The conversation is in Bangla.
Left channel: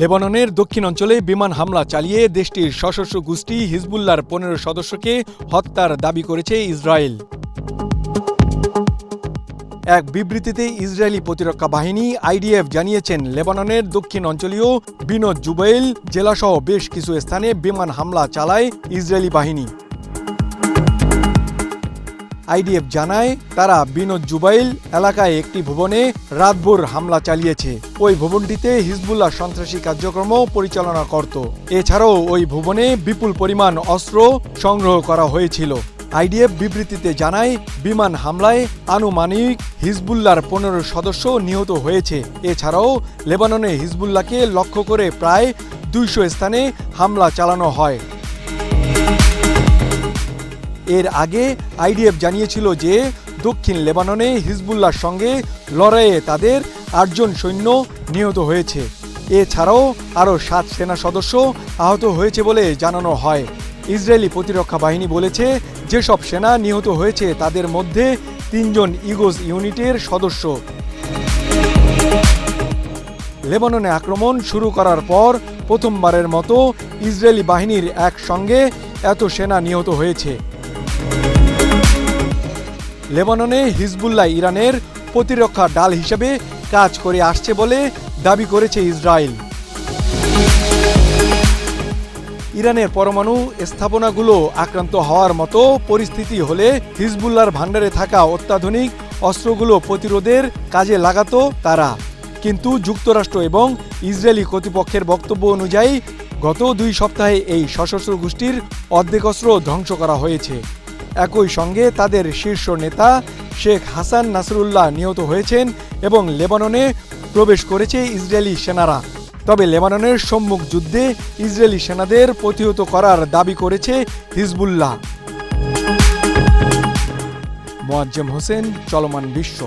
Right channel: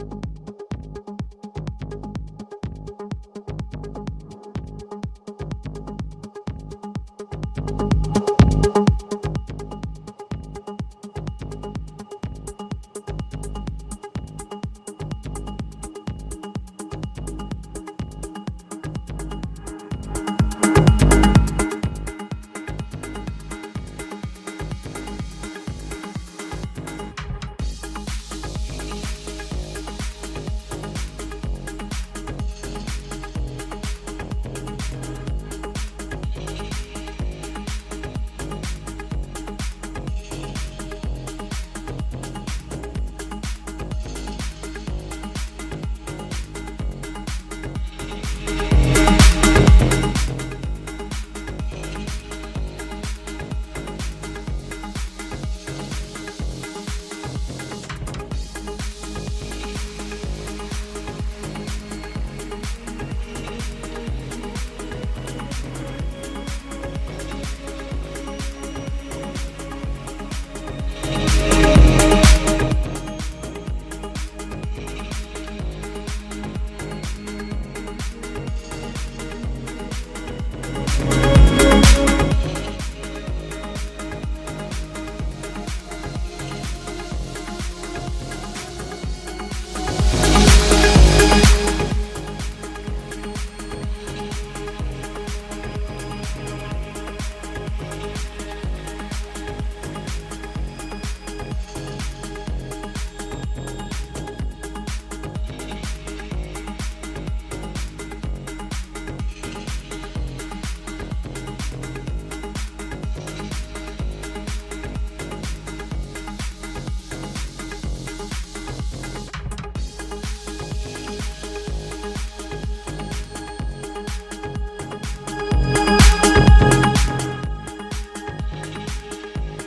লেবাননের দক্ষিণ অঞ্চলে বিমান হামলা চালিয়ে দেশটির সশস্ত্র গোষ্ঠী হিজবুল্লার পনেরো সদস্যকে হত্যার দাবি করেছে ইসরায়েল। এক বিবৃতিতে ইসরায়েলি প্রতিরক্ষা বাহিনী আইডিএফ জানিয়েছেন, লেবাননের দক্ষিণ অঞ্চলীয় বিনোদ জুবাইল জেলাসহ বেশ কিছু স্থানে বিমান হামলা চালায় ইসরায়েলি বাহিনী। আইডিএফ জানায়, তারা বিনোদ জুবাইল এলাকায় একটি ভবনে রাতভর হামলা চালিয়েছে। ওই ভবনটিতে হিজবুল্লাহ সন্ত্রাসী কার্যক্রম পরিচালনা করত। এছাড়াও ওই ভবনে বিপুল পরিমাণ অস্ত্র সংগ্রহ করা হয়েছিল। আইডিএফ বিবৃতিতে জানায়, বিমান হামলায় আনুমানিক হিজবুল্লাহর পনেরো সদস্য নিহত হয়েছে। এছাড়াও লেবাননে হিজবুল্লাহকে লক্ষ্য করে প্রায় দুইশো স্থানে হামলা চালানো হয়। এর আগে আইডিএফ জানিয়েছিল যে দক্ষিণ লেবাননে হিজবুল্লাহর সঙ্গে লড়াইয়ে তাদের আটজন সৈন্য নিহত হয়েছে। এছাড়াও আরও সাত সেনা সদস্য আহত হয়েছে বলে জানানো হয়। ইসরায়েলি প্রতিরক্ষা বাহিনী বলেছে, যেসব সেনা নিহত হয়েছে তাদের মধ্যে তিনজন ইগোজ ইউনিটের সদস্য। লেবাননে আক্রমণ শুরু করার পর প্রথমবারের মতো ইসরায়েলি বাহিনীর একসঙ্গে এত সেনা নিহত হয়েছে। লেবাননে হিজবুল্লাহ ইরানের প্রতিরক্ষা ডাল হিসেবে কাজ করে আসছে বলে দাবি করেছে ইসরায়েল। ইরানের পরমাণু স্থাপনাগুলো আক্রান্ত হওয়ার মতো পরিস্থিতি হলে হিজবুল্লার ভাণ্ডারে থাকা অত্যাধুনিক অস্ত্রগুলো প্রতিরোধের কাজে লাগাতো তারা। কিন্তু যুক্তরাষ্ট্র এবং ইসরায়েলি কর্তৃপক্ষের বক্তব্য অনুযায়ী গত দুই সপ্তাহে এই সশস্ত্র গোষ্ঠীর অর্ধেক অস্ত্র ধ্বংস করা হয়েছে। একই সঙ্গে তাদের শীর্ষ নেতা শেখ হাসান নাসরুল্লাহ নিহত হয়েছেন এবং লেবাননে প্রবেশ করেছে ইসরায়েলি সেনারা। তবে লেবাননের সম্মুখ যুদ্ধে ইসরায়েলি সেনাদের প্রতিহত করার দাবি করেছে হিজবুল্লাহ। মোয়াজ্জেম হোসেন, চলমান বিশ্ব।